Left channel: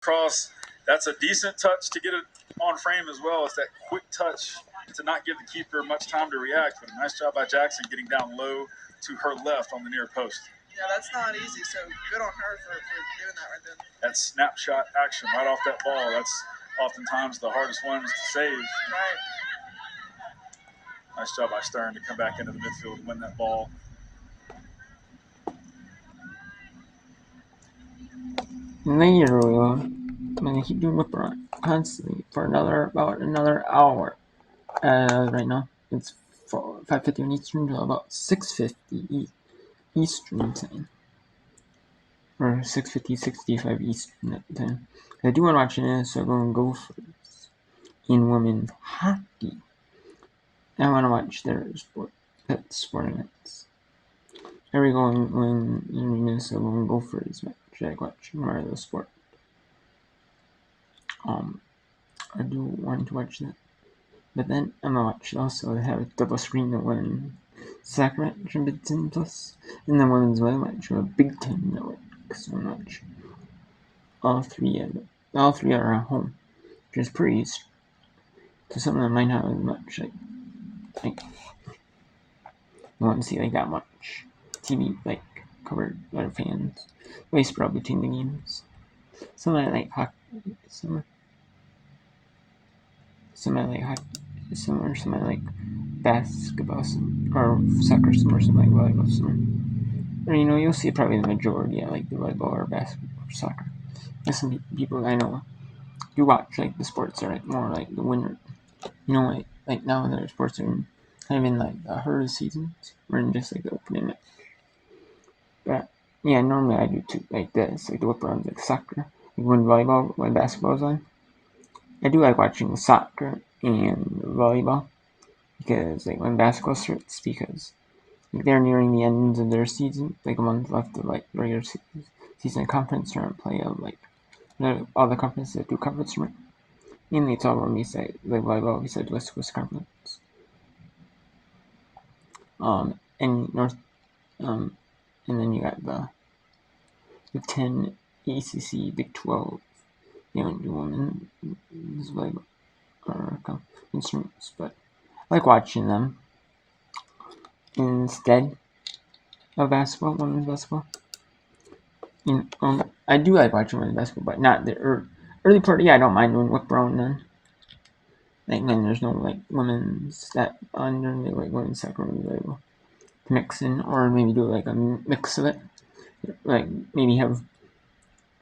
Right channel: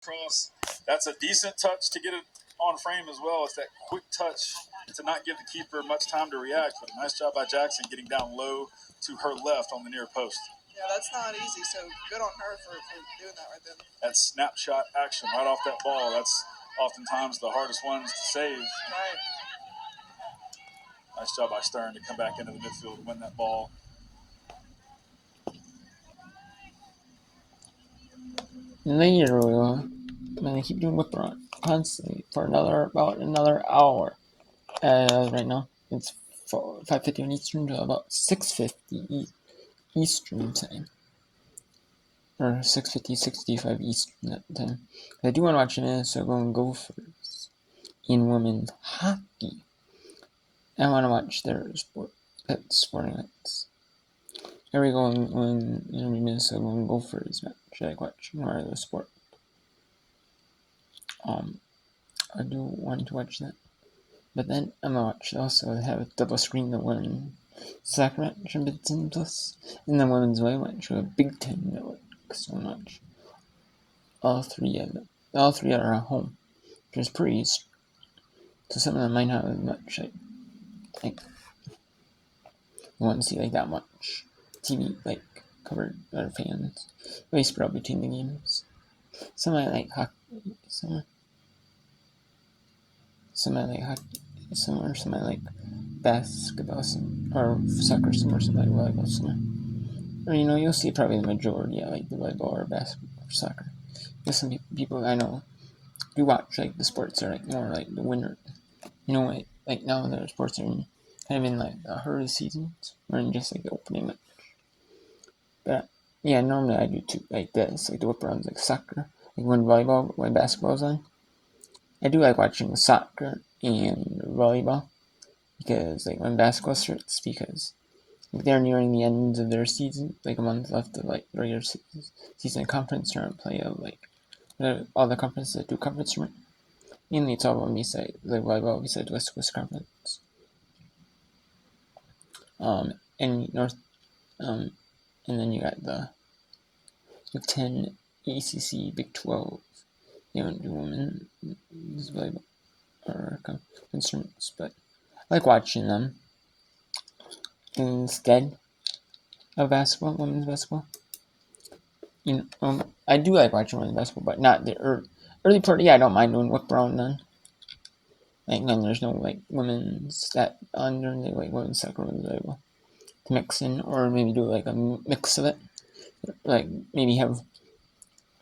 cross. That's a decent touch to get it on frame as well. It's that quick touch to not give the keeper much time to react. But a nice job by Jackson getting down low to her left on the near post. Yeah, that's not easy, so good on her for doing that right then. That snapshot action right off that ball, that's oftentimes the hardest ones to save. Right. Nice job by Stern to come back into the midfield and win that ball. Later, I'm gonna keep doing whip around constantly for about another hour. Right now, it's 5:50 Eastern to about 6:50 Eastern time. Or 6:50, 65 Eastern at the time. I do want to watch an NCAA Gophers in women's hockey. I want to watch their sporting events. Every going in Minnesota Gophers match I watch no matter the sport. I do want to watch that. But then I'm gonna watch also have a double screen the one soccer match on Big Ten Plus and the women's volleyball match on a Big Ten Network. So much. All three are at home, which is pretty. So some of them might not have as much like you won't see like that much TV like covered by fans. Way spread between the games. Some I like hockey, some I like hockey, some I like basketball, or soccer, some like volleyball, some. Or you'll see probably the majority like the volleyball or basketball or soccer. There's some people I know do watch like the sports are like more like the winter. Like now the sports are kind of in like the heart of the seasons or in just like the opening match. But yeah, normally I do too, like this, like the whip arounds, like soccer, like when basketball's on. I do like watching soccer and volleyball because like when basketball starts, because like they're nearing the ends of their season, like a month left of like regular season conference tournament play of like all the conferences that do conference tournament. Mainly it's all on beside like volleyball beside West Coast Conference. And North and then you got the Big 10, ACC, Big 12. They don't do women's volleyball or conference, but I like watching them instead of basketball, women's basketball. I do like watching women's basketball, but not the early part. Yeah, I don't mind doing whip around then. Like when there's no like women's that on during the like women's soccer, women's volleyball to mix in, or maybe do like a mix of it. Like maybe have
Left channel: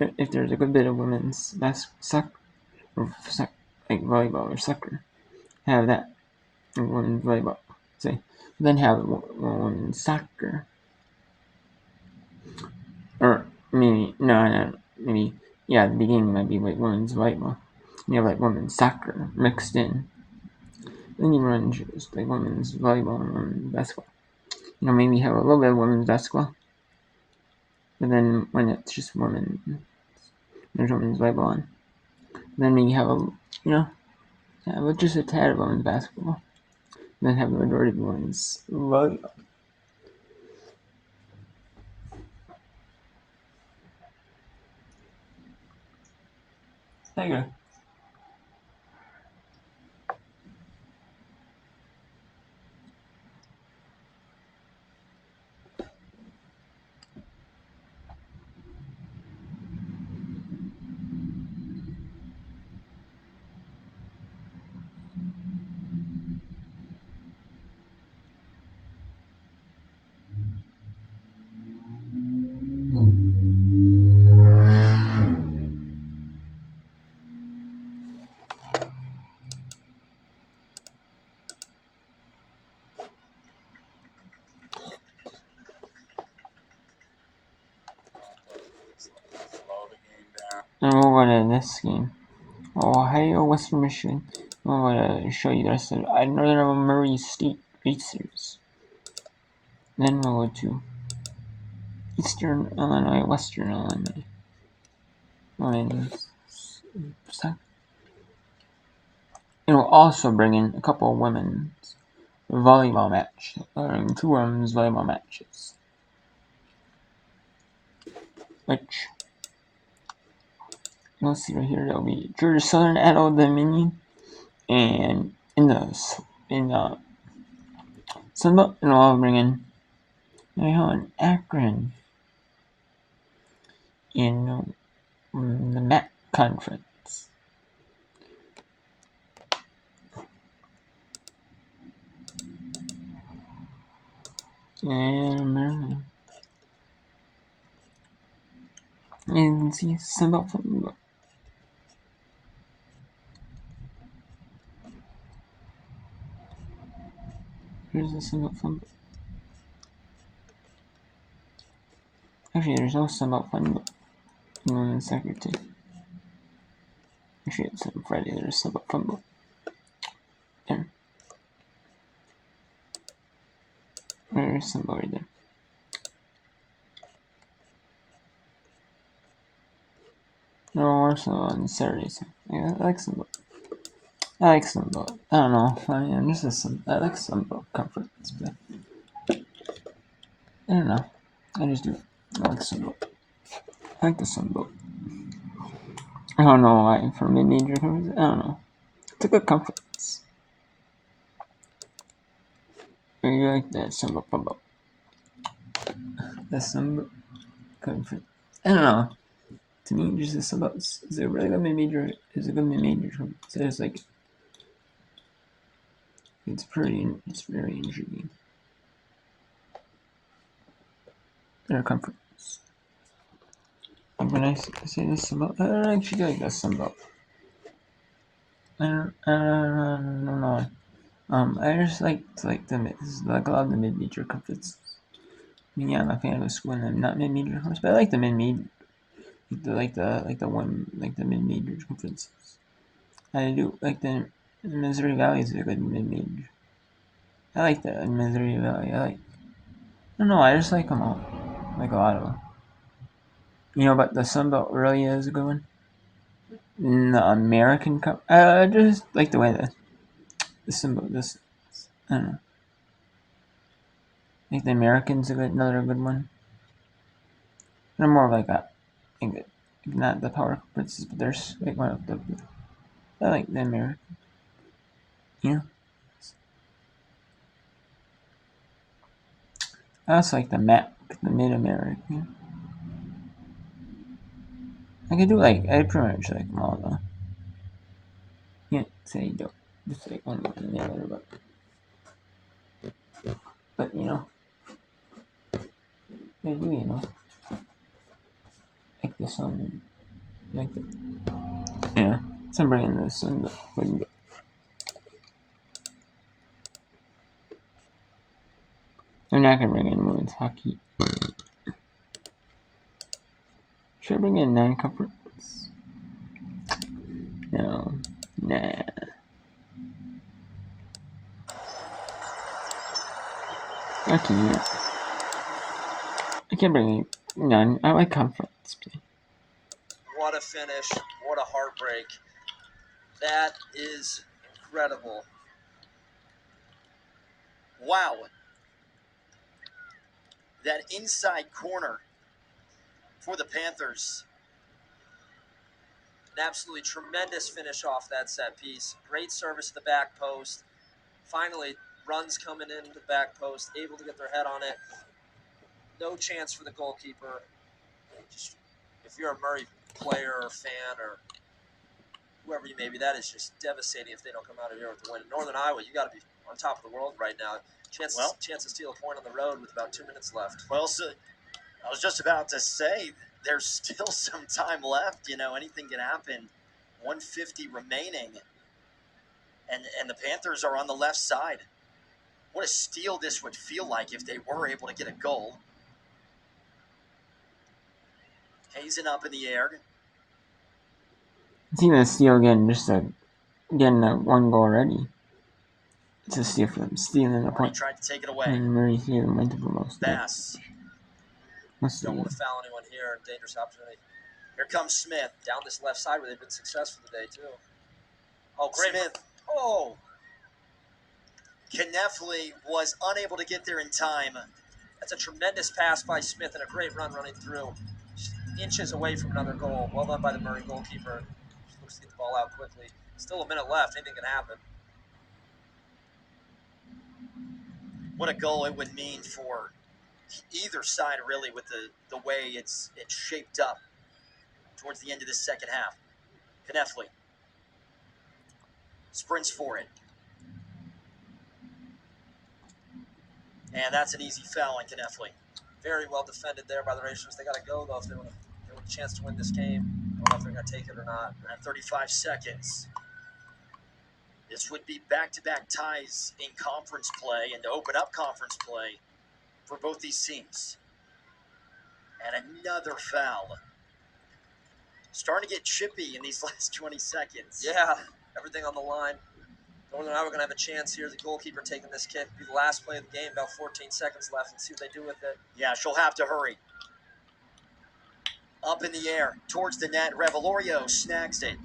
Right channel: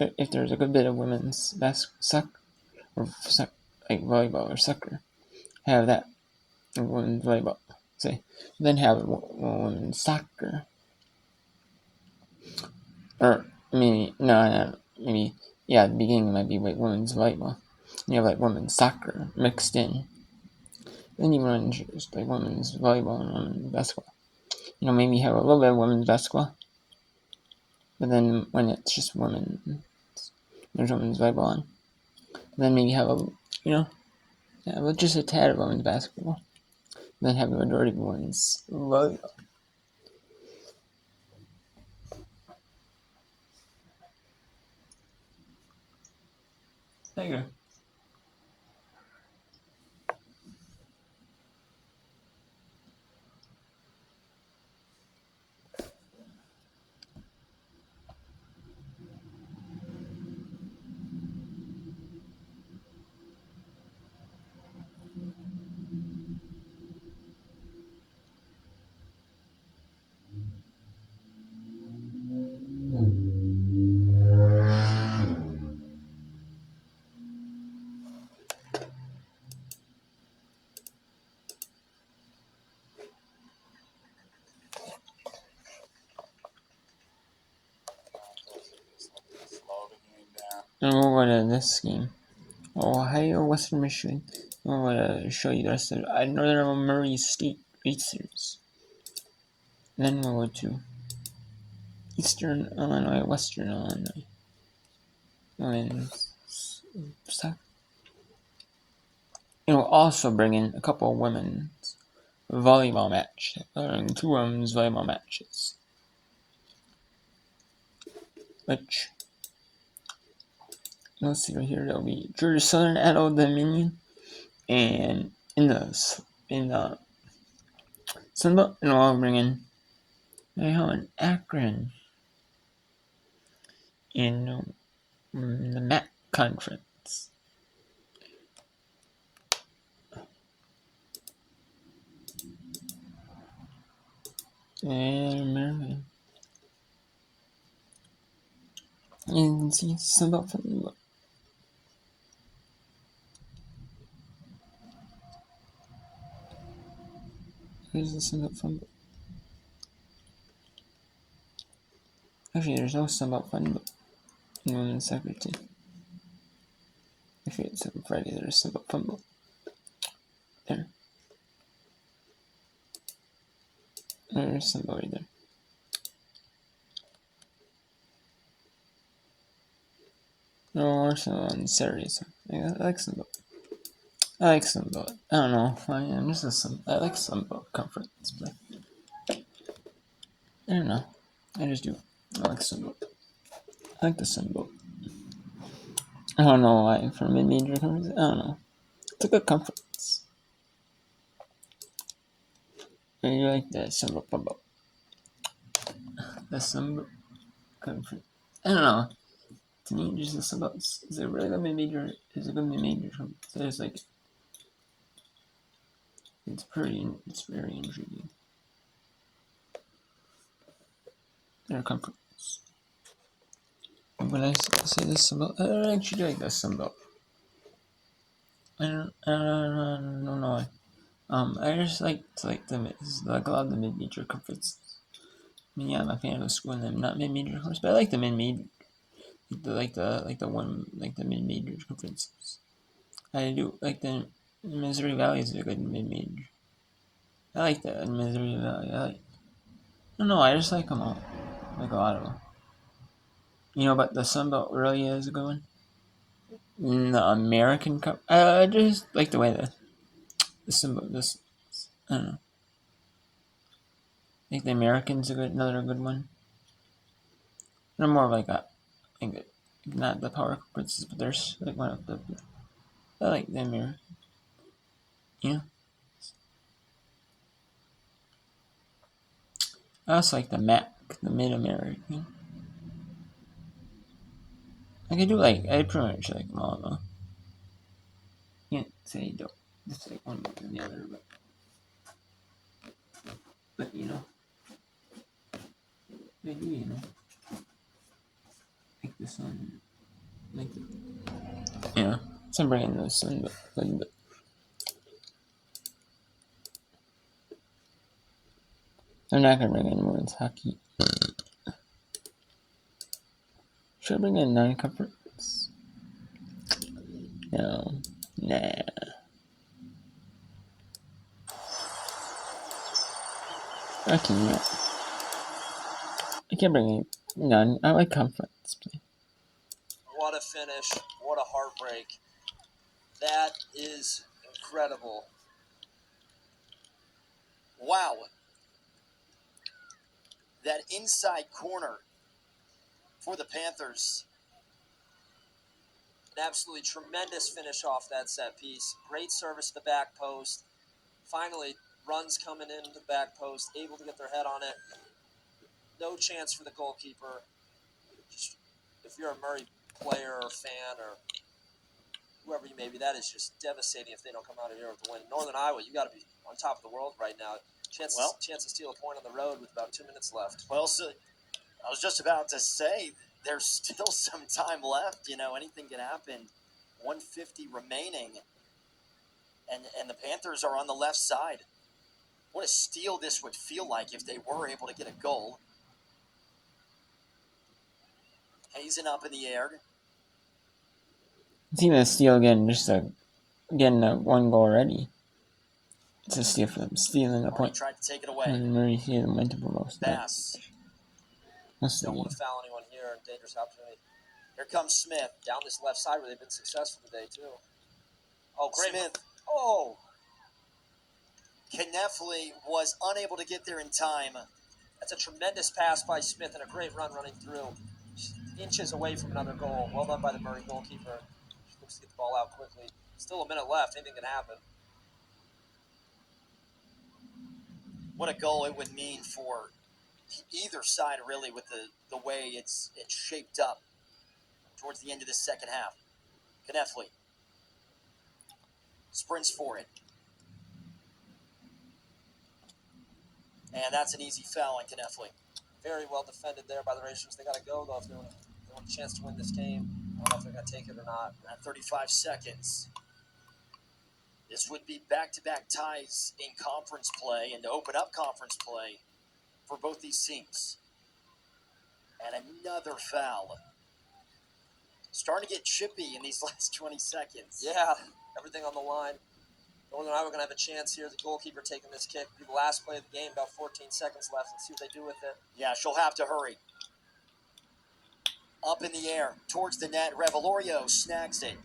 if there's a good bit of women's soccer or like volleyball or soccer, have that women's volleyball. Say, then have women's soccer. Or maybe maybe the beginning might be like women's volleyball. You have like women's soccer mixed in. Then you run just like women's volleyball and women's basketball. Maybe have a little bit of women's basketball. But then when it's just women, there's women's volleyball on. Then maybe have just a tad of women's basketball. Then have the majority of women's volleyball. There you go. And we'll go to this game. Ohio, Western Michigan. I'm going to show you the rest of Northern Murray State Racers. Then we'll go to Eastern Illinois, Western Illinois. Women's soccer. And we'll also bring in a couple of women's volleyball matches. 2 women's volleyball matches. Which you'll see right here there'll be Georgia Southern at Old Dominion, and in the Sunbelt, and I'll bring in an Akron in the MAC conference. And you can see Sunbelt from here's the Sunbelt from. Actually, there's no Sunbelt fun in Secretary. Actually, it's on Friday. There's Sunbelt fun. There. There's Sunbelt right there. No, also on Saturday. So I like Sunbelt. I like Sunbelt. I don't know. I'm just I like Sunbelt conference, but I don't know. I just do. I like Sunbelt. I like the Sunbelt. I don't know why for mid-major conference. I don't know. It's a good conference. I really like that Sunbelt Sunbelt. The Sunbelt conference. I don't know. To me, just the Sunbelt is a really good mid-major. Is a good mid-major conference. It's like it's very intriguing. Their conference. When I say this about, I actually like this Sunbelt. I don't know. I just like a lot of the mid-major conferences. I mean, yeah, I'm a fan of the school, and I'm not mid-major conference, but I like the mid-major, like the mid-major conferences. I do like the Missouri Valley is a good mid-major. I like that Missouri Valley. I don't know. I just like them all, like a lot of them. But the Sunbelt really is a good one. The American Cup. I just like the way that the Sunbelt. I don't know. I think the American's another good one. They're more of like not the power conferences, but there's like one of the. I like the American. Yeah. I also like the MAC, the Mid American. I pretty much like them all though. Can't say you don't. Just like one more than the other, but I do, like the sun, like the so I'm bringing the sun, but I'm not gonna bring in women's hockey. Should I bring in non-conference? No, nah. Okay, yeah. I can't bring in none. I like conference play. What a finish. What a heartbreak. That is incredible. Wow. That inside corner for the Panthers. An absolutely tremendous finish off that set piece. Great service to the back post. Finally, runs coming into the back post, able to get their head on it. No chance for the goalkeeper. Just, if you're a Murray player or fan or whoever you may be, that is just devastating if they don't come out of here with the win. Northern Iowa, you got to be on top of the world right now. Chance to steal a point on the road with about 2 minutes left. Well, so I was just about to say there's still some time left. Anything can happen. 150 remaining, and the Panthers are on the left side. What a steal this would feel like if they were able to get a goal. Hazen up in the air. See the steal again, just getting that one goal already. It's a steal for them, stealing a point. Tried to take it away. And Murray here went to most. Pass. Don't want to foul anyone here. Dangerous opportunity. Here comes Smith. Down this left side where they've been successful today, too. Oh, great. Smith. Oh. Knefley was unable to get there in time. That's a tremendous pass by Smith and a great run running through. inches away from another goal. Well done by the Murray goalkeeper. She looks to get the ball out quickly. Still a minute left. Anything can happen. What a goal it would mean for either side, really, with the way it's shaped up towards the end of the second half. Knefley sprints for it. And that's an easy foul on Knefley. Very well defended there by the Racers. They got to go, though, if they want a chance to win this game. I don't know if they're going to take it or not. At 35 seconds. This would be back-to-back ties in conference play and to open up conference play for both these teams. And another foul. Starting to get chippy in these last 20 seconds. Yeah, everything on the line. Northern Iowa going to have a chance here. The goalkeeper taking this kick. It'll be the last play of the game, about 14 seconds left, and see what they do with it. Yeah, she'll have to hurry. Up in the air, towards the net. Revelorio snags it.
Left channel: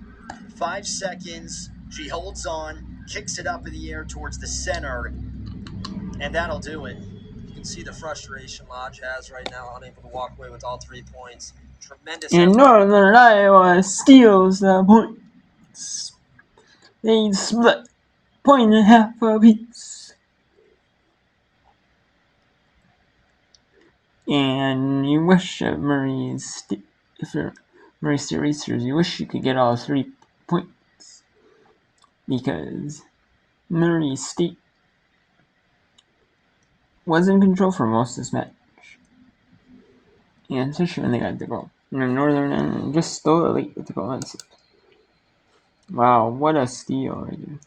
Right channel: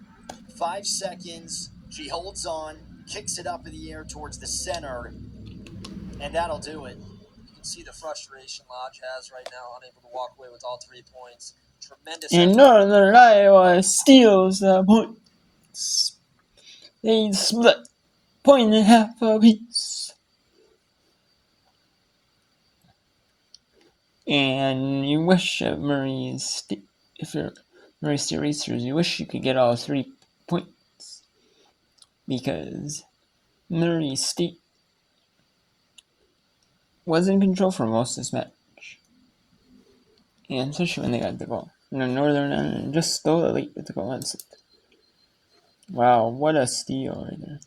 5 seconds. She holds on, kicks it up in the air towards the center, and that'll do it. You can see the frustration Lodge has right now, unable to walk away with all 3 points. Tremendous. And Northern Iowa steals the points. They split point and a half apiece. And you wish at if you're Murray State Racers, you wish you could get all 3 points. Because Murray State was in control for most of this match. And especially when they got the goal. And Northern just stole it late with the goal. Wow, what a steal right there.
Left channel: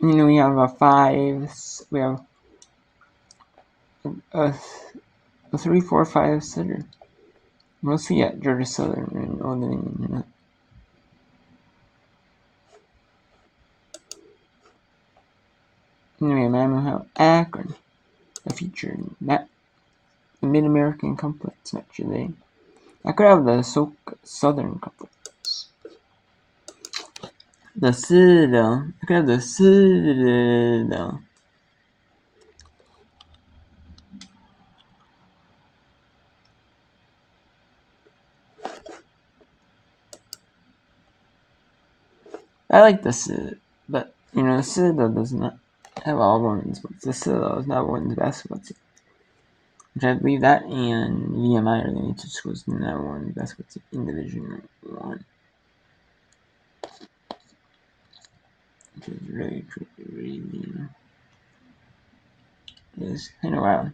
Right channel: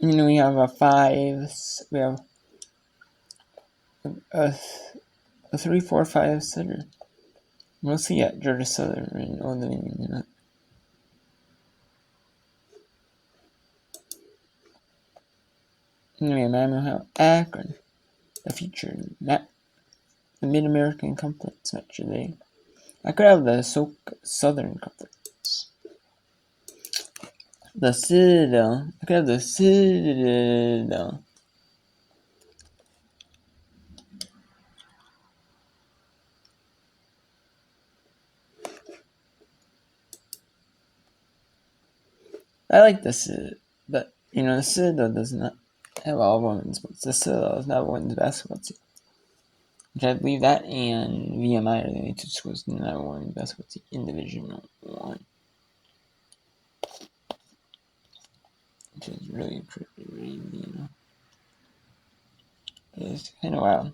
You know, we have a 3-4-5 setter. Mostly at Georgia Southern and Old Dominion, you know. Anyway, Mammoth Akron, the featured the Mid-American Conference match today. I could have the Southern Conference. The Citadel. I could have the Citadel. I like the Citadel, but you know, the Citadel does not have all women's sports. The Citadel is not a women's basketball team. Which I believe that and VMI are the only 2 schools that have a women's basketball team in Division 1. Which is really, you know, it's kind of wild.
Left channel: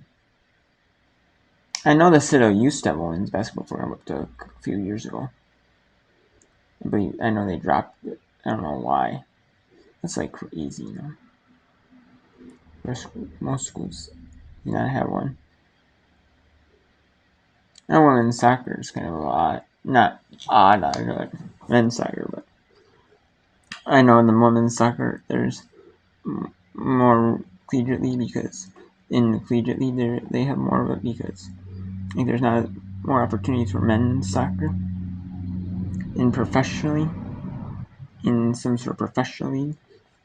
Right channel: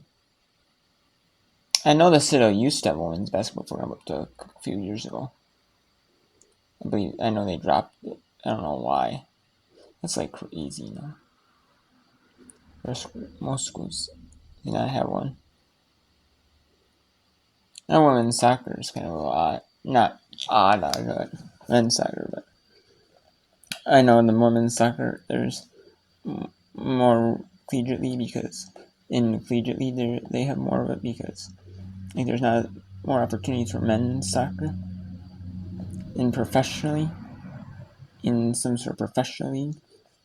I know the Citadel used to have a women's basketball program up to a few years ago. I know they dropped it. I don't know why. That's like crazy, you know. Most schools do not have one. And women's soccer is kind of a lot. Not odd, I know, like men's soccer, but I know in the women's soccer there's more collegiate league because in collegiate league they have more of it because like, there's not more opportunities for men's soccer professionally in some sort of professional league,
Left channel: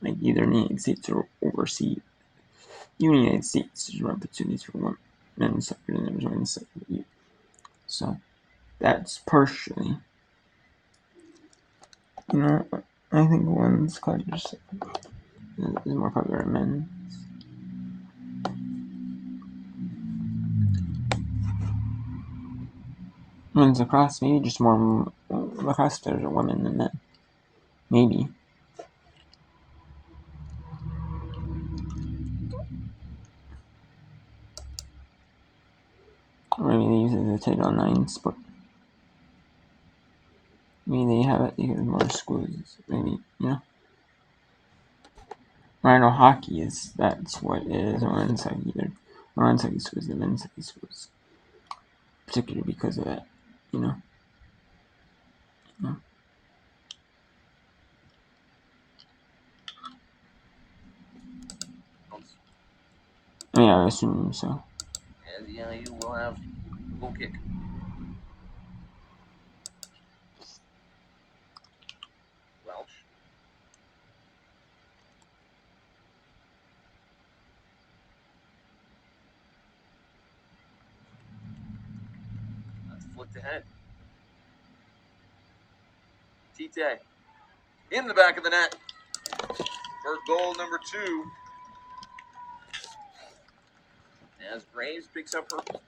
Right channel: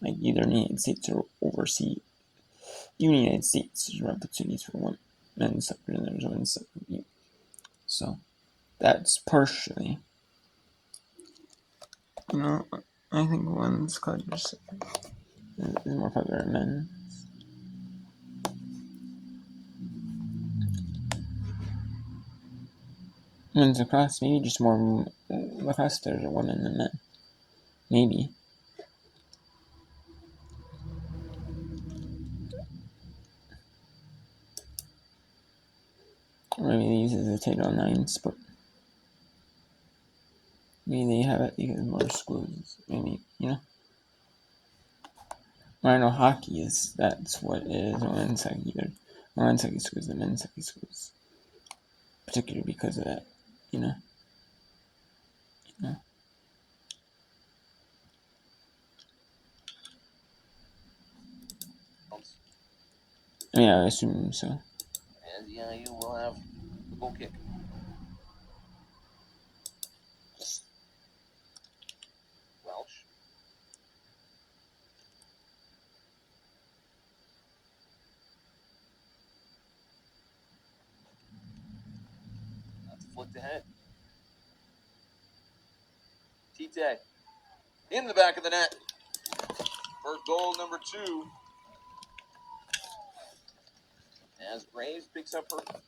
like either in the United States or overseas. Even in the United States, there's more opportunities for men's soccer than there's women's soccer. So that's partially, you know, I think women's college is more popular than men's. Men's lacrosse, maybe just more lacrosse players are women than men. Maybe. Or maybe they use it as a Title IX sport. Maybe they have it because more schools. Maybe, you know. I know hockey that's what it is. Women's hockey, women's hockey schools and men's hockey schools. Particularly because of that, you know. Yeah, I assume so. And you will have a goal kick. ahead. Tite in the back of the net for goal number 2. As Graves picks up her